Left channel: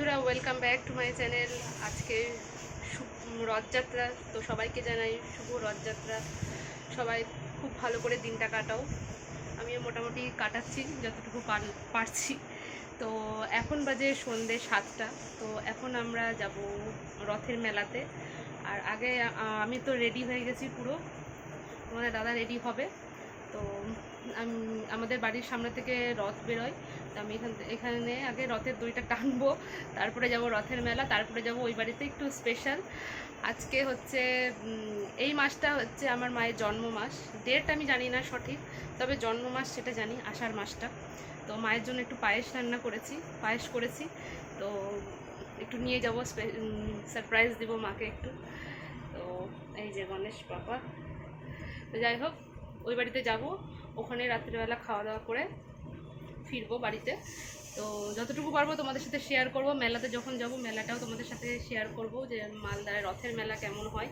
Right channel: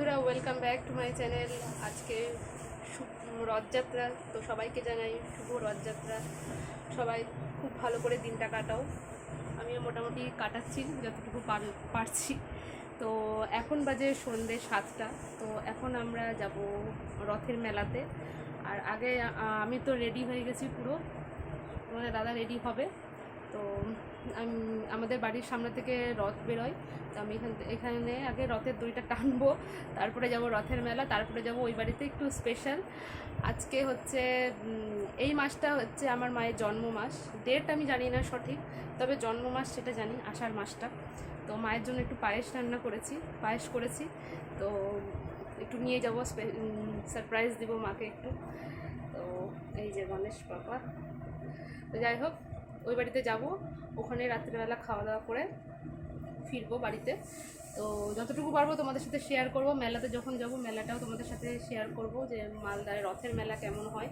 বন্ধুরা, welcome back to my channel. আজকে রথযাত্রা, তো সবাইকে জানাই শুভ রথযাত্রা। সবাই খুব ভালো করে দিনটা কাটাও। আমিও মোটামুটি কাটাচ্ছি যতটুকু পারছি। তো এখন বাজে সন্ধ্যে 7টা। তো এখন আমরা যাব রথের মেলাতে। আর আগে আমি তো রেডি হয়ে গেছি পুরো, তোমাদের দাদা রেডি হবে। তো আমাদের বাড়ির সামনে থেকে রথ বেরোয়, তো আমি এখানে আগে রথের দড়িটা টানবো, তারপরে যাব রথের মেলা, তারপরে যাব ওই বাড়িতে। একটু স্পেশাল আজকে হচ্ছে, এই মাসটা হচ্ছে আমার মায়ের জন্ম মাস। ডেট আমি জানি না সঠিক, তবে জন্ম মাস সেটা জানি, আষাঢ় মাসটা। তো মায়ের জন্য একটু পায়েস করেছি। তো একটু নিয়ে যাব, সারপ্রাইজ দিব মাকে একটু। তো এই যে গণেশ বাবা। তো যাই হোক, ওই বাড়িতে যাব, ওখানে রাত্রিবেলা খাওয়া দাওয়া করে ফিরবো বাড়িতে। তো যতটুকু পারবো তোমাদের সাথে শেয়ার করব। মেলাতে যখন যাব মেলাটাও তোমাদের সাথে শেয়ার করব, যে মালদায় রথের মেলা কেমন হয়।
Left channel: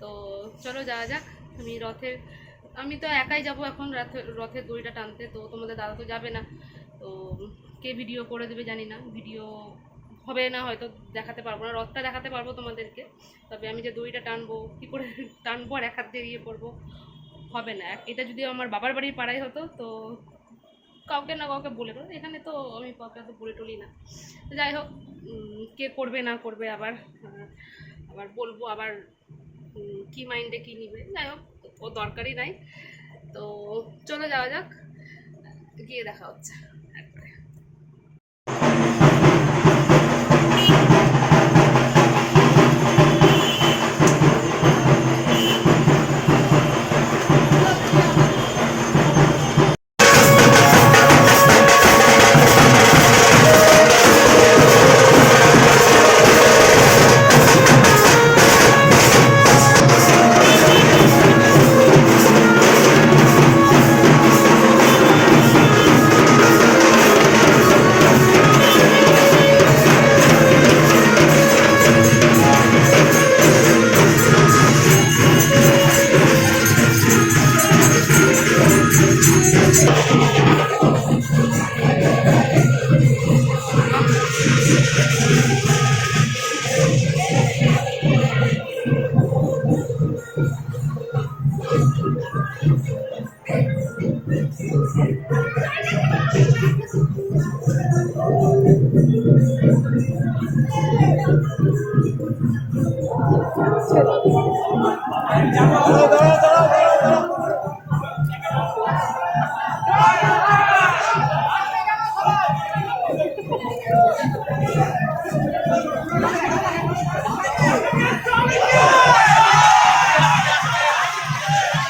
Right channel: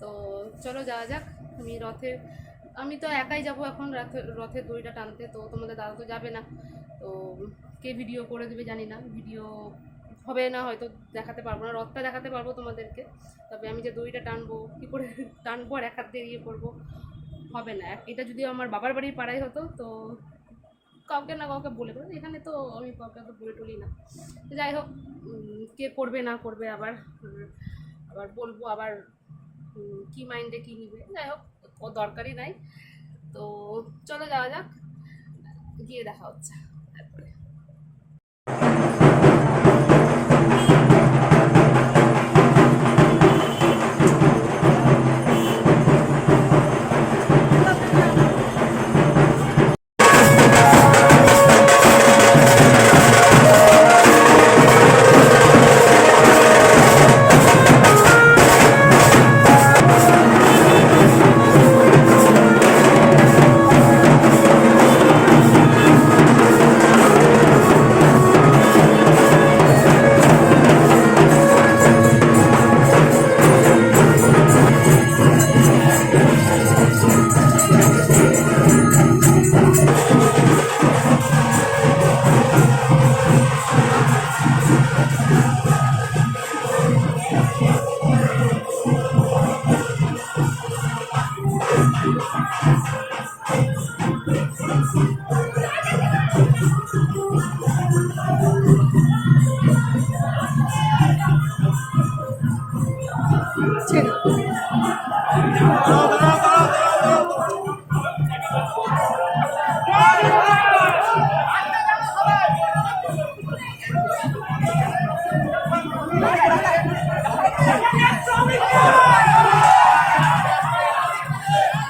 তো চলো যাওয়া যাক। আমি তো একাই যাব এখন রথের দড়িটা টানতে। তো তোমাদের দাদা তো যাবে না, তো কে ভিডিও করে দেবে জানি না, ভিডিও হবে না হয়তো, দেখাতে পারবো না। রথটা দেখাতে পারবো তোমাদেরকে, তবে আমি যে দড়িটা টানবো, কী করে টানবো আর এক হাত দিয়ে ইয়ে করবো, হবে না। এটা যদি আমার বাবার বাড়ির পাড়ায় হতো, তো কাউকে না কাউকে বলে দেবো। এখানে তো আমি কাউকে তো বলে টলি না। তো যাই হোক, কে করবে না করবে আবার বলবো, আবার কি মাইন্ডে কী নিবে, যাই হোক ও দরকারই নাই। তো চলো যাওয়া যাক, গিয়ে দেখা হচ্ছে একবারে।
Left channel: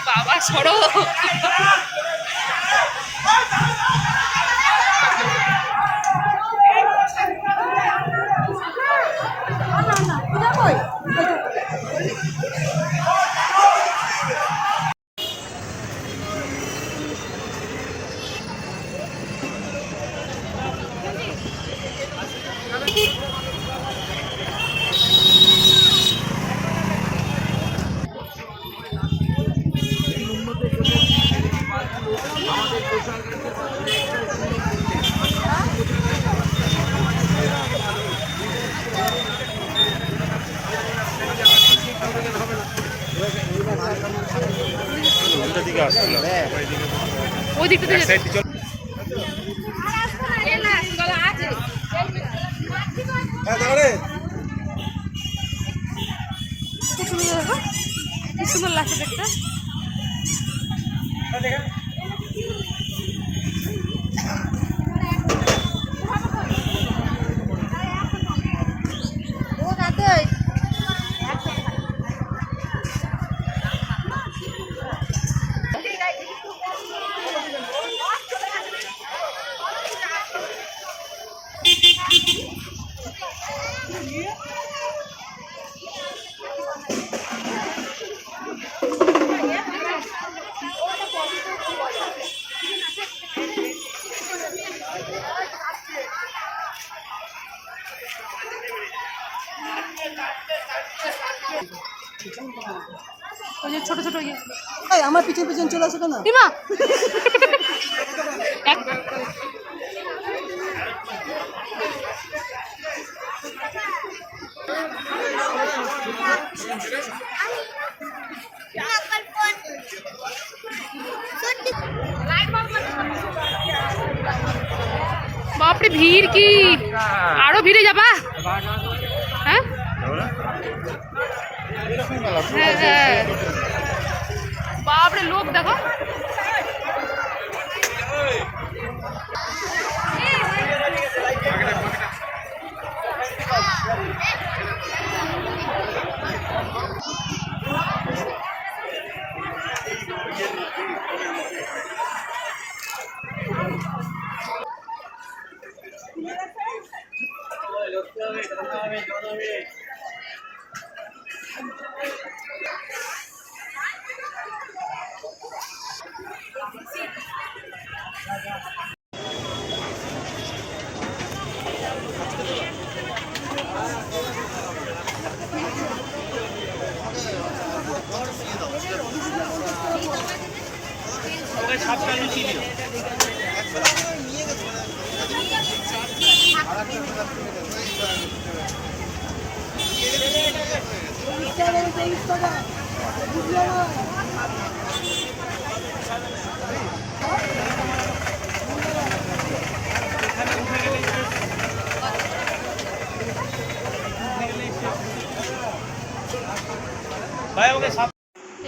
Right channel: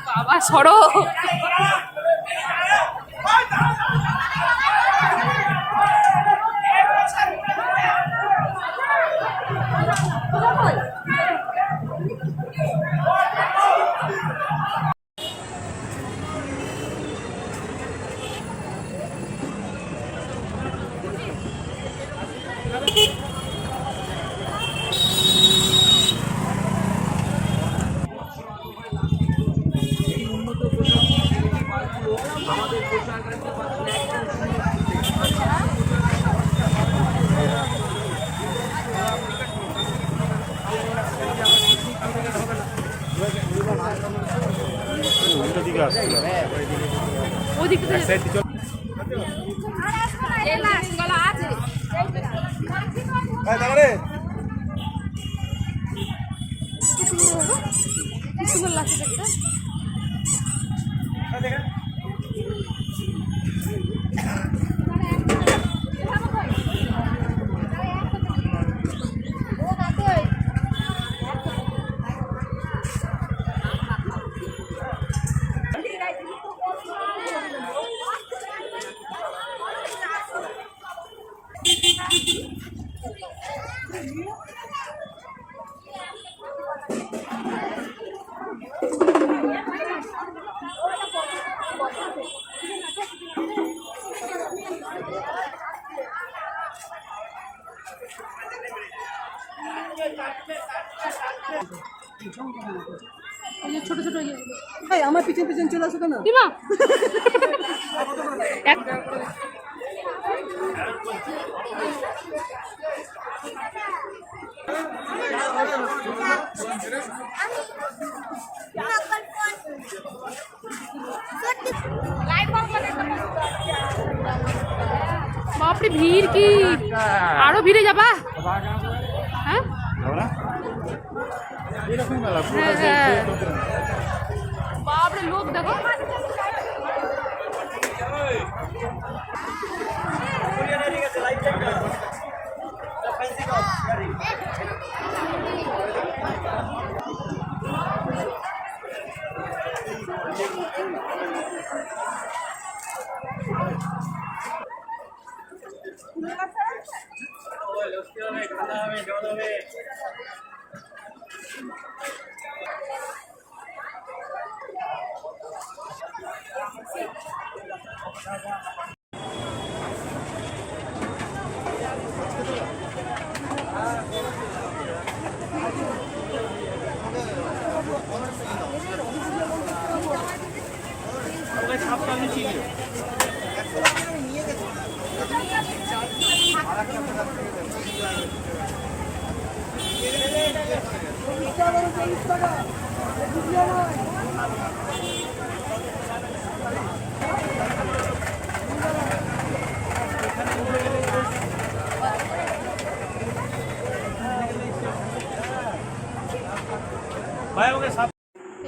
বাবা সরো। ওই দিকটাতে কি সুন্দর লাগছে দেখতে। ওই যে ছোট ছোট ইয়েগুলো, আমার পিছন পিছন চলে আসো কেন? ডিমা বাপরে ভিড় কি, আরো ভিড়ে যাবা? হ্যাঁ হ্যাঁ, বাপরে লোক দেখো।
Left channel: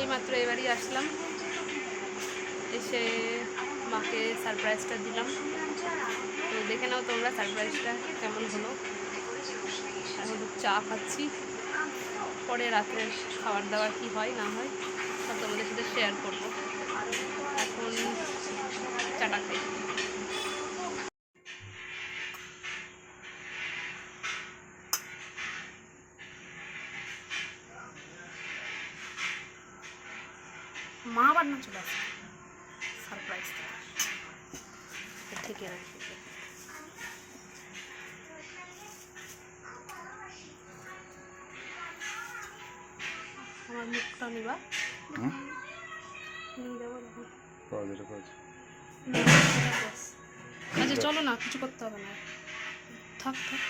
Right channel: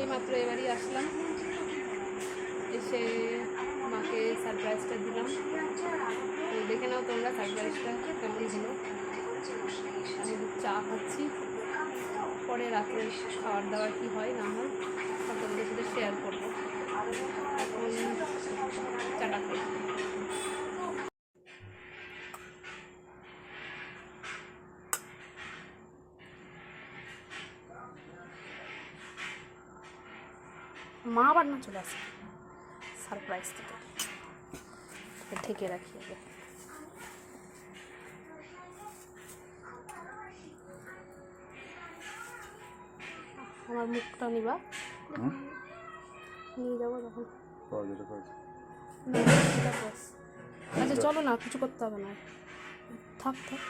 এইমাত্র এবারই আসলাম, এসে মাকে সারপ্রাইজটা দিলাম। তো দেখে নাও তোমরা সারপ্রাইজটা কেমন হলো। এখন চা খাচ্ছি, পরে রাত্রে খাবার দাবার কি হয় না হয় সব তোমাদের সাথে শেয়ার করবো। এখন চাটা খাই। মা আবার না চলে আসে সারপ্রাইজ থেকে, ঢেকে রাখি। আমার মুখটা নিবা, নিয়ে যাবো তখন। আচ্ছা চলো না, কিছু করতে হবে না, থাক থাক।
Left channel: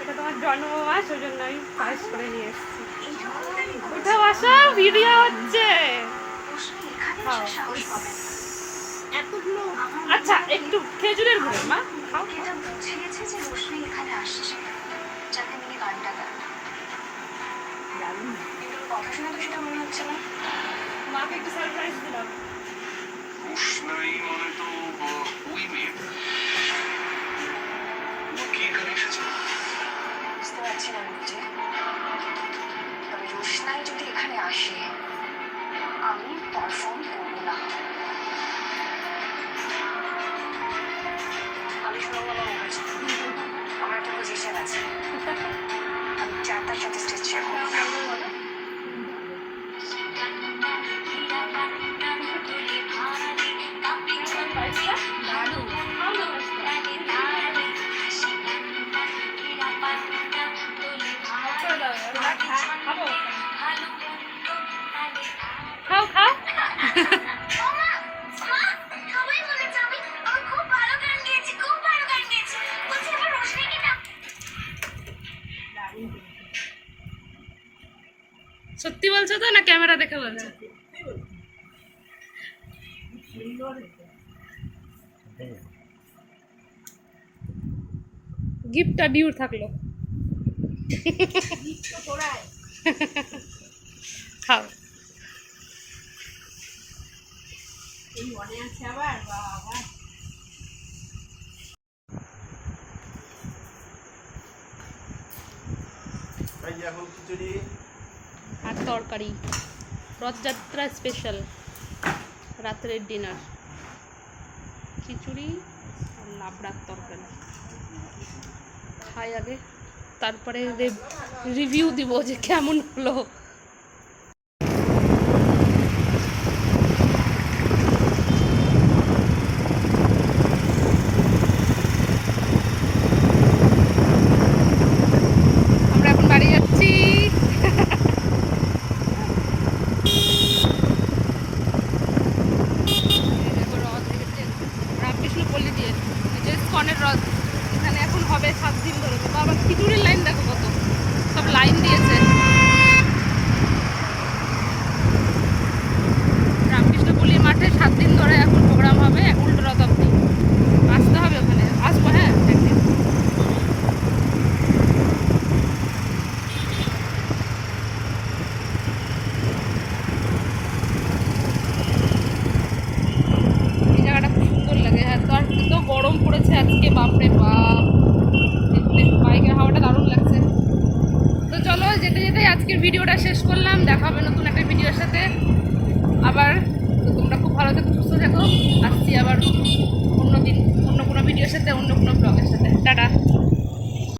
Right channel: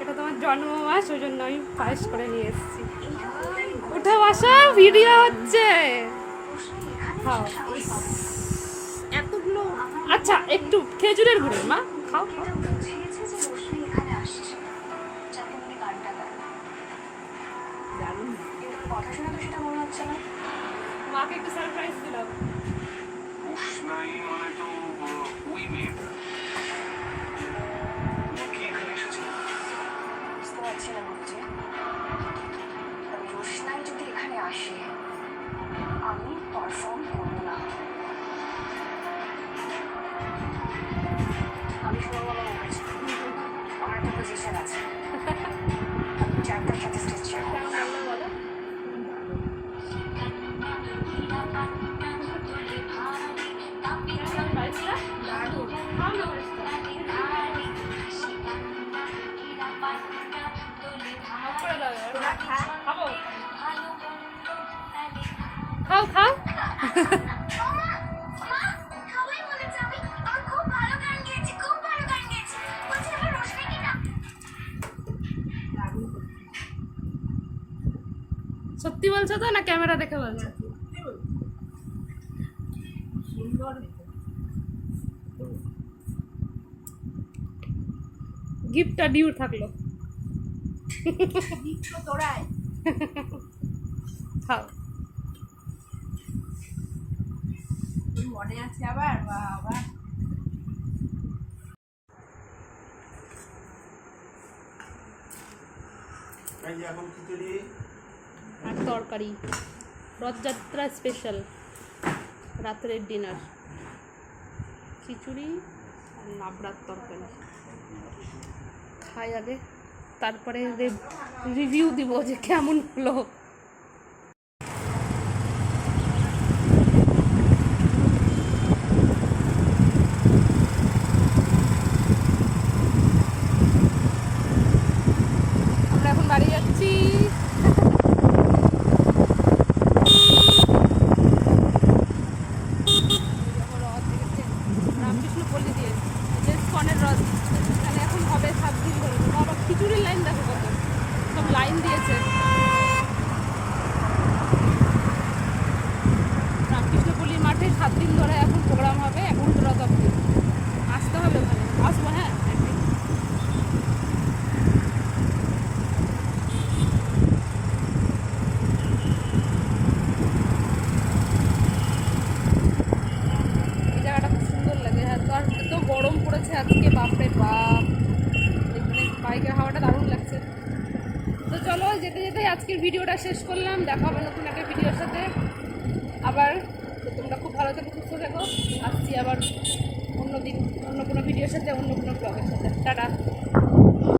এটা তোমার জন্মমাস, ওই জন্য আমি পায়েস করে নিয়ে এসেছি। ওটা বাসা ভিডিও হচ্ছে এতগুলো। আচ্ছা একটু খেজুরের গুঁড়ো মা খাও। মাকে একটু সারপ্রাইজ দিলাম। বুঝতে পারছি না বুঝছে, তবে রোশনাই যদি এখানে আসে আমি পারফর্ম করবো না। আমি সুরঙ্গমা মুখার্জি, আমার একটা পজিশন আছে, আমি 4টার সাথে স্টেজ শেয়ার করবো। খাও খাও। সত্যি বলছো তো না ক্যামেরা দেখে বলছো? গিফটটা ডিউর থাকলো। খাও। মনে আছে আবার বাবা। এখন খিচুড়ি আর তরকারি, রথযাত্রা স্পেশাল রাত্রের ডিনার, খিচুড়ি আর লাবড়ার তরকারি। খাই আগে, তারপরে রিভিউ দিব যে কেমন হলো। আমরা এখন বাড়ি যাচ্ছি। রামকৃষ্ণ পল্লী দিয়ে, ইস্কনের রথ এখানে এখন হবে। হবে 7 দিন ধরে। তো আবার খিচুড়ির লাইন দেখো কত, সব লাইন দিয়েছে। রামকৃষ্ণপল্লী মাঠে 7 দিন ধরে এখন প্রোগ্রাম হবে, উল্টো রথ অব্দি। আসতে হবে ওখানে, আসবো হ্যাঁ একদিন। এই জায়গাটা খুব সুন্দর লাগে। আর তো এত গরম পড়েছে আজকে, বাপরে বাপ। এখানে বাইকের হাওয়াটা দারুণ লাগছে। তো চলো যেতে যেতে আজকের ভিডিওটা শেষ করলাম। দেখা হবে নতুন একটা ভিডিওর সাথে আবার। তো তোমরা খুব ভালো থেকো, সুস্থ থেকো। আসছি আবার অন্য দিন, অন্য কোনো ভিডিওর সাথে, অন্য কোনো ব্লগের সাথে। টাটা।